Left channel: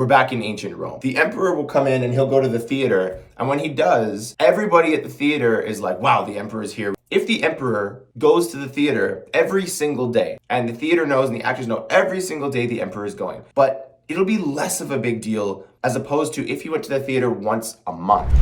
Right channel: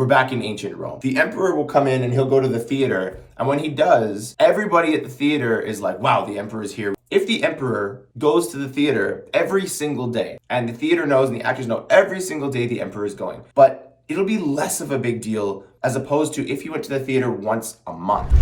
we're back in ancient Rome. The emperor will come in and he'll go to the theater, and when he does, everybody at the theater is like, wow, the emperor is here. If the emperor goes to the theater every single day, and the theater knows and the actors know every single day the emperor is going, but it'll be less of a big deal as opposed to if he went to the theater once a month.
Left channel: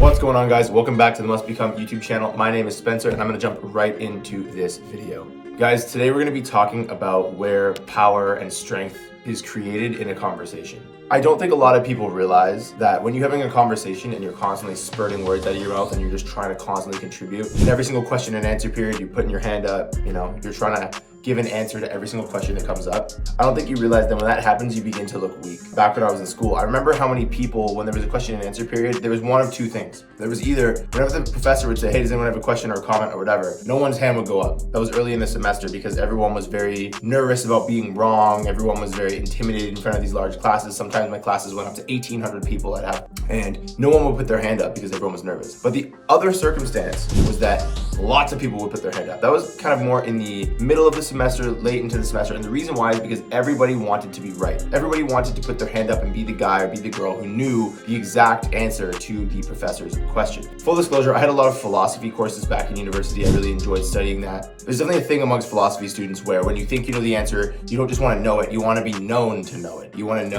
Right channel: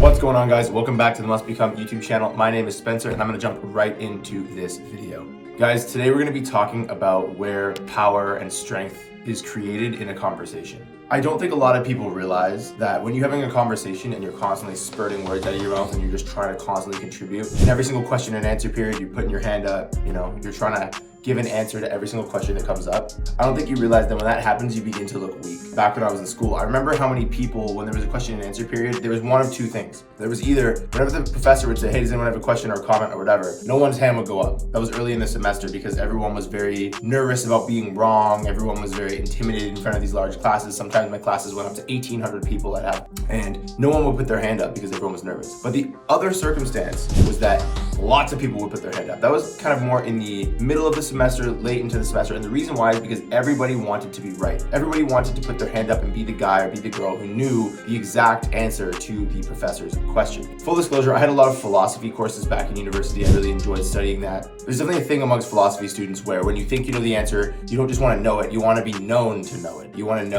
What's going on, guys? Welcome back to the Must Become YouTube channel. My name is Spencer and I'm gonna jump right into this video. Guys, today we're gonna be talking about where power and strength is created in a conversation. I don't think a lot of people realize that when you're having a conversation and you're constantly spurting words out of your mouth and you're just trying to constantly contribute, in every single question and answer period, you're putting your hand up, you're trying to give an answer to every single question that comes up. I don't think you realize that when that happens, you begin to look weak. Back when I was in school, I remember how many people, when there was a question and answer period, there was one of two things. There was either, whenever the professor would say, hey, does anyone have a question or a comment or whatever, no one's hand would go up. That was early in the semester because everyone was very nervous about being wrong. Everyone was very intimidated in front of these large classes. Sometimes my classes went up to 1,800 people I'd have, and no one would put their hand up because everyone was nervous. But the other circumstance was that lots of people would put their hand up. That was kind of more in the middle of the semester, late into the semester. And the reason why is because everybody wanted to be right. Everybody wanted to put their hand up and be the guy or be the girl who knew the exact answer to the professor's question. Full disclosure, I had a lot of philosophy courses back in university. I really enjoyed studying that. There's definitely a thing amongst philosophy students where when you think you know the answer, you don't just want to know it, you want to be known to know it. You want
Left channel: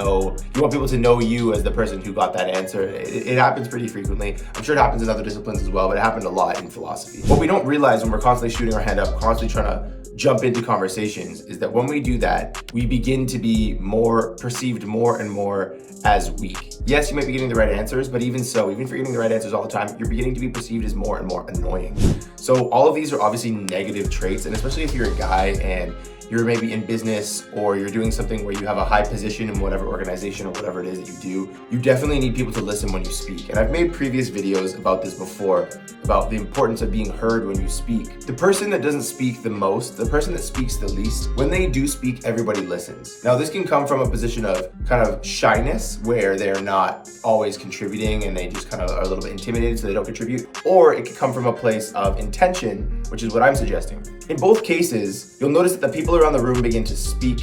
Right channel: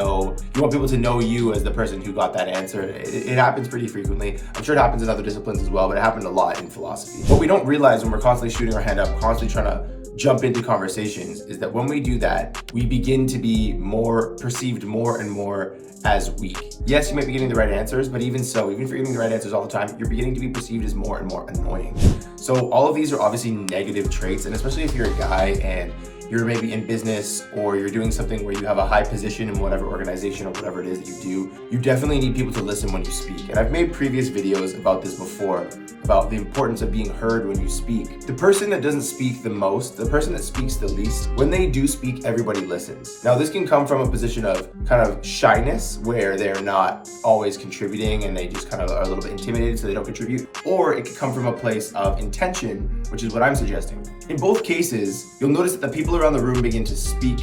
people to know you as the person who got that answer. It happens pretty frequently. I'm sure it happens in other disciplines as well, but it happened a lot in philosophy. What we don't realize when we're constantly shooting our hand up, constantly trying to jump into conversations, is that when we do that, we begin to be perceived more and more as weak. Yes, you might be getting the right answers, but even so, even if you're getting the right answers all the time, you're beginning to be perceived as more and more annoying. So all of these are obviously negative traits, and especially if you're a guy and you're maybe in business or you're doing something where you have a high position in whatever organization or whatever it is that you do, you definitely need people to listen when you speak. And I've made previous videos about this before, about the importance of being heard when you speak. The person that doesn't speak the most, the person that speaks the least, when they do speak, everybody listens. Now, this can come from a position of kind of shyness, where they're not always contributing and they just kind of are a little bit intimidated so they don't contribute. Or it can come from a place of intention, which is what I'm suggesting. In both cases, you'll notice that the people around the room begin to speak.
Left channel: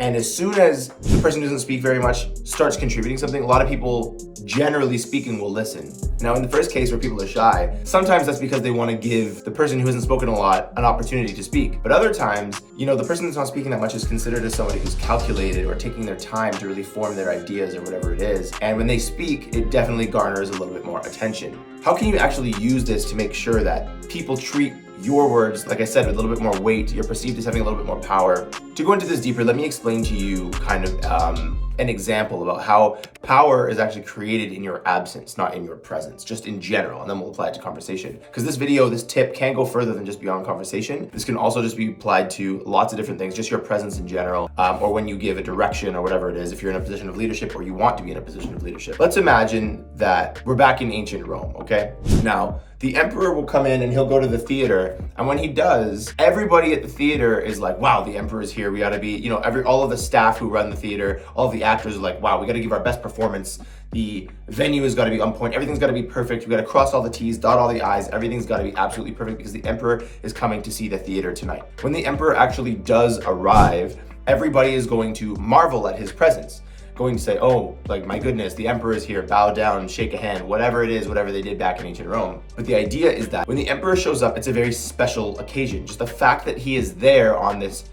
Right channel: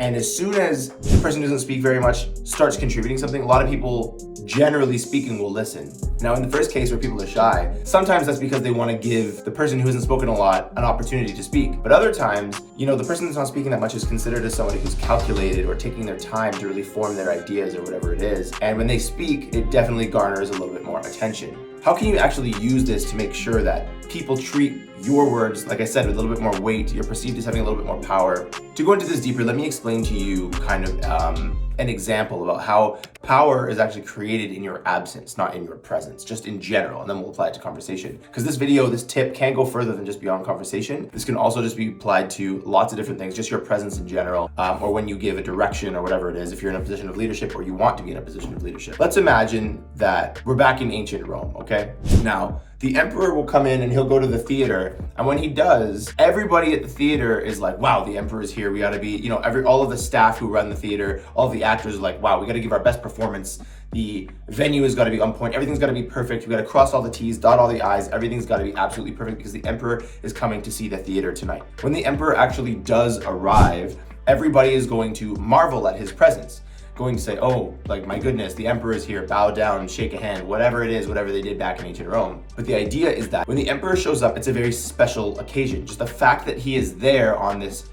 And as soon as the person who doesn't speak very much starts contributing something, a lot of people, generally speaking, will listen. Now, in the first case where people are shy, sometimes that's because they want to give the person who hasn't spoken a lot an opportunity to speak. But other times, the person that's not speaking that much is considered as somebody who's calculated or taking their time to really form their ideas or whatever it is. And when they speak, it definitely garners a little bit more attention. How can you actually use this to make sure that people treat your words, like I said, with a little bit more weight? You're perceived as having a little bit more power. To go into this deeper, let me explain to you kind of an example about how power is actually created in your absence, not in your presence, just in general, and then we'll apply it to conversation. Because this tip can go further than just beyond conversation. This can also just be applied to lots of different things, just your presence in general, or when you give a direction or whatever it is, if you're in a position of leadership or you want to be in a position of leadership. Let's imagine that we're back in ancient Rome, okay? Now, the emperor will come in and he'll go to the theater, and when he does, everybody at the theater is like, wow, the emperor is here. We gotta be, all of the staff who run the theater, all of the actors are like, wow, we gotta give our best performance. The venue has gotta be on point. Everything's gotta be perfect. We gotta cross all the T's, dot all the I's. Everything's gotta be absolutely perfect because the emperor is coming to see the theater tonight. When the emperor actually does arrive, everybody is going to marvel at his presence. Going to say, oh, like, my goodness, the emperor is here, bow down, shake a hand, whatever it is, whatever they did back in ancient Rome. But the idea is that when the emperor shows up, it's a very special occasion. Just the fact that he is there on this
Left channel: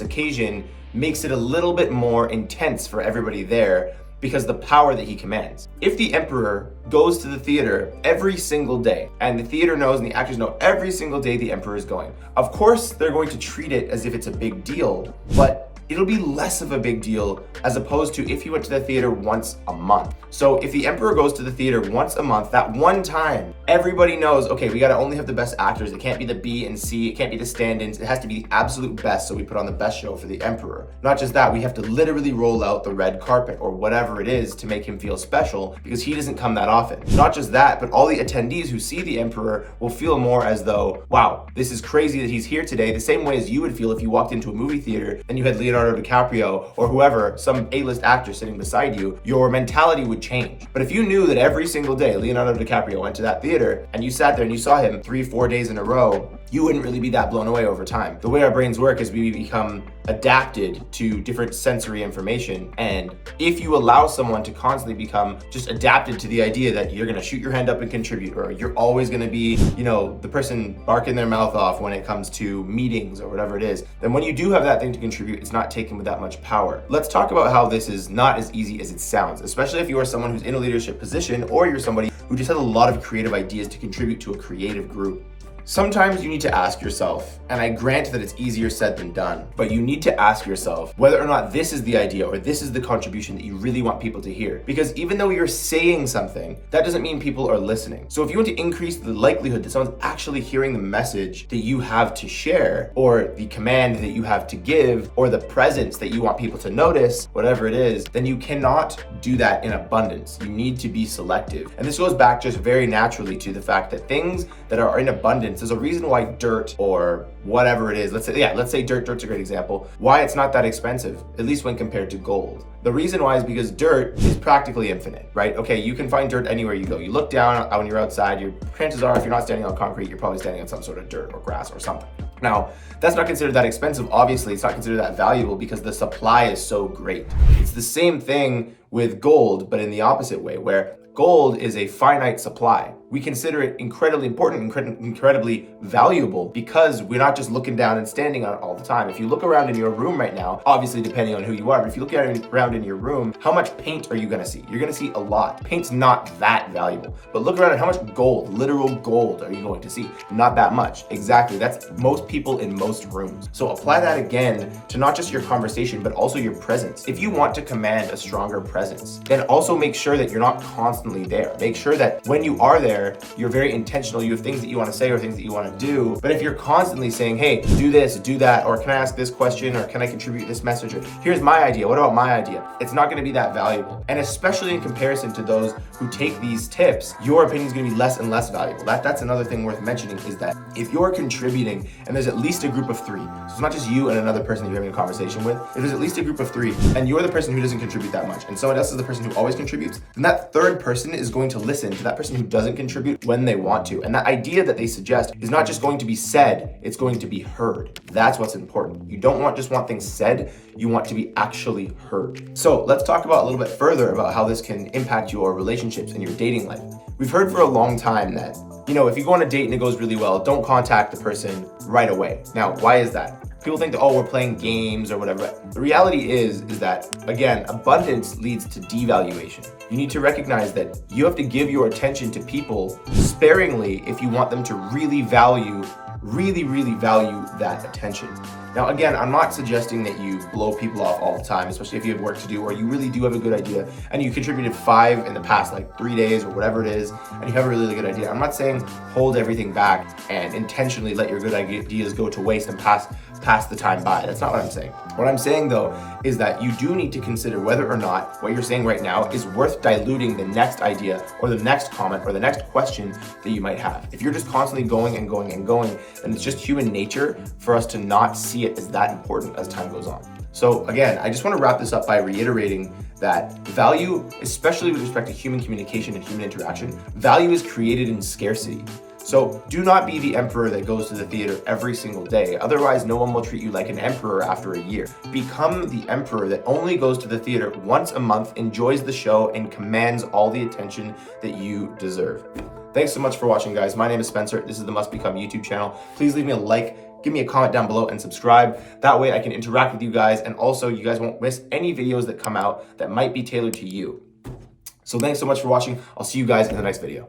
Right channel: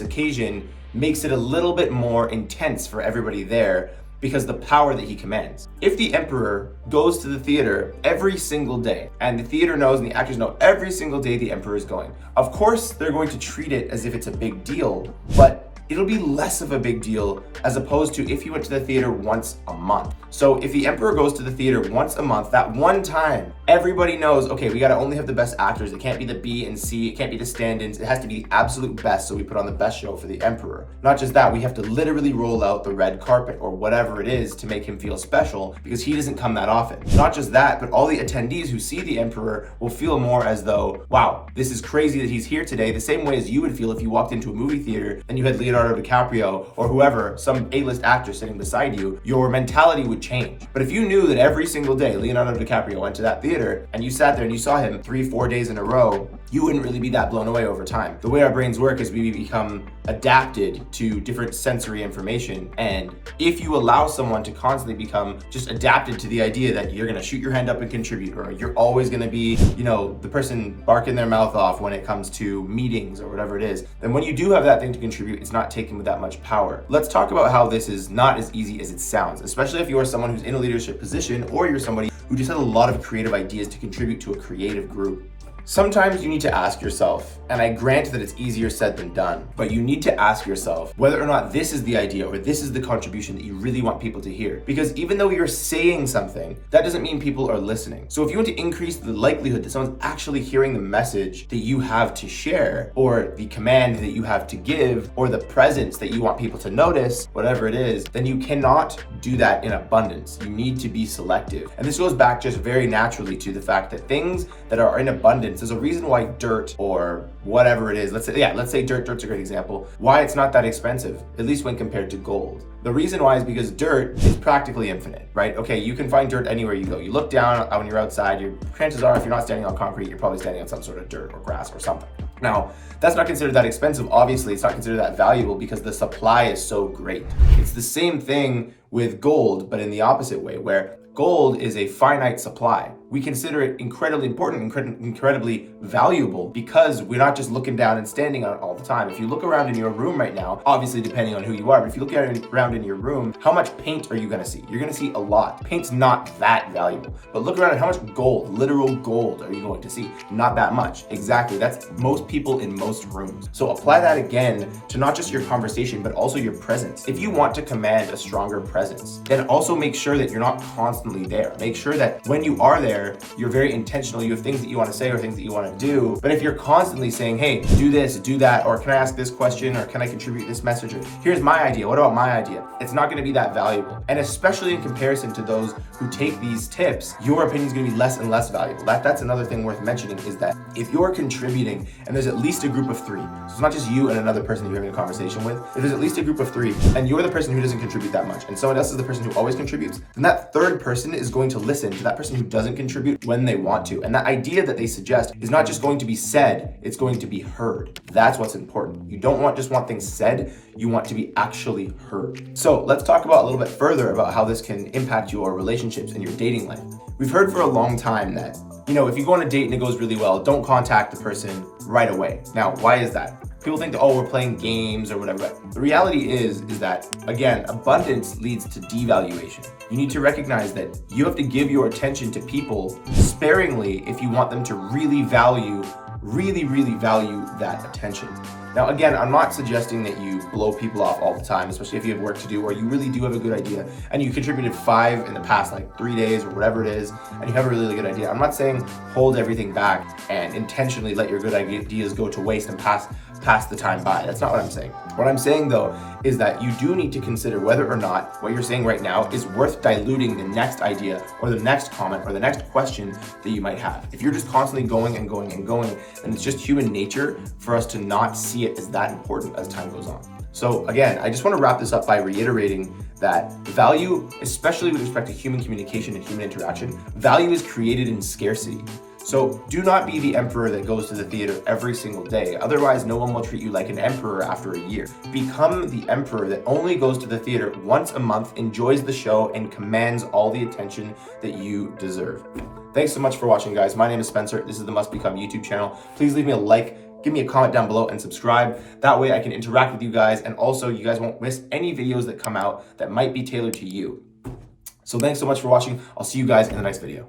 occasion makes it a little bit more intense for everybody there because the power that he commands. If the emperor goes to the theater every single day, and the theater knows and the actors know every single day the emperor is going, of course they're going to treat it as if it's a big deal, but it'll be less of a big deal as opposed to if you went to the theater once a month. So if the emperor goes to the theater once a month, that one time, everybody knows, okay, we gotta only have the best actors. It can't be the B and C, it can't be the stand-ins. It has to be the absolute best, so we put on the best show for the emperor. Not just that, we have to literally roll out the red carpet or whatever it is to make him feel special because he doesn't come that often. Not just that, but all the attendees who see the emperor will feel more as though, wow, this is crazy that he's here today, the same way as you would feel if you walked into a movie theater and you had Leonardo Leonardo DiCaprio or whoever, some A-list actor sitting beside you, your mentality would change. But if you knew that every single day Leonardo DiCaprio went to that theater and you sat there and you saw him 3-4 days in a row, you wouldn't really be that blown away over time. The way our brains work is we become adapted to different sensory information. And if you allow someone to constantly become just adapted to the idea that you're gonna shoot your hand up and contribute, or you're always gonna be, the person barking their mouth off when it comes to meetings or whatever it is, then when you do have that thing to contribute, it's not taken with that much power. Let's talk about how this is not as easy as it sounds, especially if you're someone who's in a leadership position or you're somebody who just has a lot of creative ideas to contribute to a creative group. Sometimes you need to ask yourself, and I grant that it's easier said than done, but you need to ask yourself whether or not this is the idea or this is the contribution that you really want people to hear. Because even though you're saying something, that doesn't mean people are listening. So if you want to increase the likelihood that someone's actually hearing the message that you have to share, or the command that you have to give, or the presence that you want people to notice, whatever it is, then you cannot do that in abundance. You need to be selective. And this goes back just very naturally to the fact that things that are in abundance, there's a reason why dirt or whatever it is, let's say dirt's a great example, why it's not that expensive, at least when compared to gold. The reason why is because dirt is practically infinite, right? Okay, you can find dirt anywhere you go. You look down when you're outside, your chances are if you're not standing on concrete, you're probably standing on some sort of dirt or grass or something. Now, that's not considered that expensive. Obviously, it's not considered that valuable because the supply is so great. It's the same thing with gold, but in the opposite way, where gold is a finite supply. We consider it incredibly important, incredibly valuable, because we're not just looking down and standing on it all the time. If you look around in your room right now, obviously depending on who you are, but if you look around in your room, how much paint are you gonna see? You're gonna see a lot. Paint's not that valuable, but look around at how much gold, literal gold, are you going to see? Not that much. Exactly, that's most people in most rooms. So apply that again to not just your conversation, but also your presence. If you want to command a stronger presence, then also make sure that you're not constantly there. Make sure that when you are there, you're very intentional. You have things that you want to say or things that you want to do. But if you're constantly saying, hey, do this, do that, or can I ask this question, or can I contribute this message, or here's my idea, what about my idea? It's not going to be that valuable. And especially in comparison to those who take these tips, your opinion is going to be less and less valuable. That's another thing worth mentioning, is that if you're contributing and there's at least a group of 3, so it's not just you and another person that you're having a conversation with, if there's at least a group of 3 and you're the person who doesn't contribute that much and someone else is the person who always contributes, then that third person is going to listen to that person who doesn't contribute when they want to. And that idea that they suggest is not just going to be said, it's going to be heard. That's what's important. You don't just want things said, you want to be actually heard. So let's talk about a little bit further about how this can impact your relationships and your dating life. We've heard for a long time that, if you go on a date and it goes really well, don't contact the person right away. Now, why is that? People think that, we're playing games or whatever. But the reality is that, again, abundance leads to devaluation. You need to recognize that you have to give your attention to people sparingly if you want them to really value that attention. Now, again, I'm not suggesting that you blow people off all the time, especially if you have work to do or you really do have a good idea and you contributed 5 in the past 3 days or whatever it is, and you have a really good idea. I'm not saying hold everything back and intentionally let your good ideas go to waste and pass the time by. That's not what I'm saying. What I'm saying, though, is that you do need to consider whether or not what you're saying right now is worth diluting the next idea or the next comment or the next question that you might have. If you're just constantly going and going and going, then it's just human nature for us to not see it as that important as time goes on. So again, I just want to wrap this up by reiterating that value, especially with respect to human communication and human interaction, value is created in scarcity. So do not be the emperor that goes to the theater every single day. Otherwise, no one will treat you like an emperor after a year. Become the emperor that only goes to the theater once a month, enjoys the show, and commands all the attention that you deserve. Thanks so much for watching, guys. My name is Spencer. This is the Must Become YouTube channel. Please leave me a like, give me a comment down below, and subscribe. That way I can interact with you guys, and also you guys won't miss any videos that come out that might be tailored to you. So thanks so much for watching. I'll see you guys in the next video.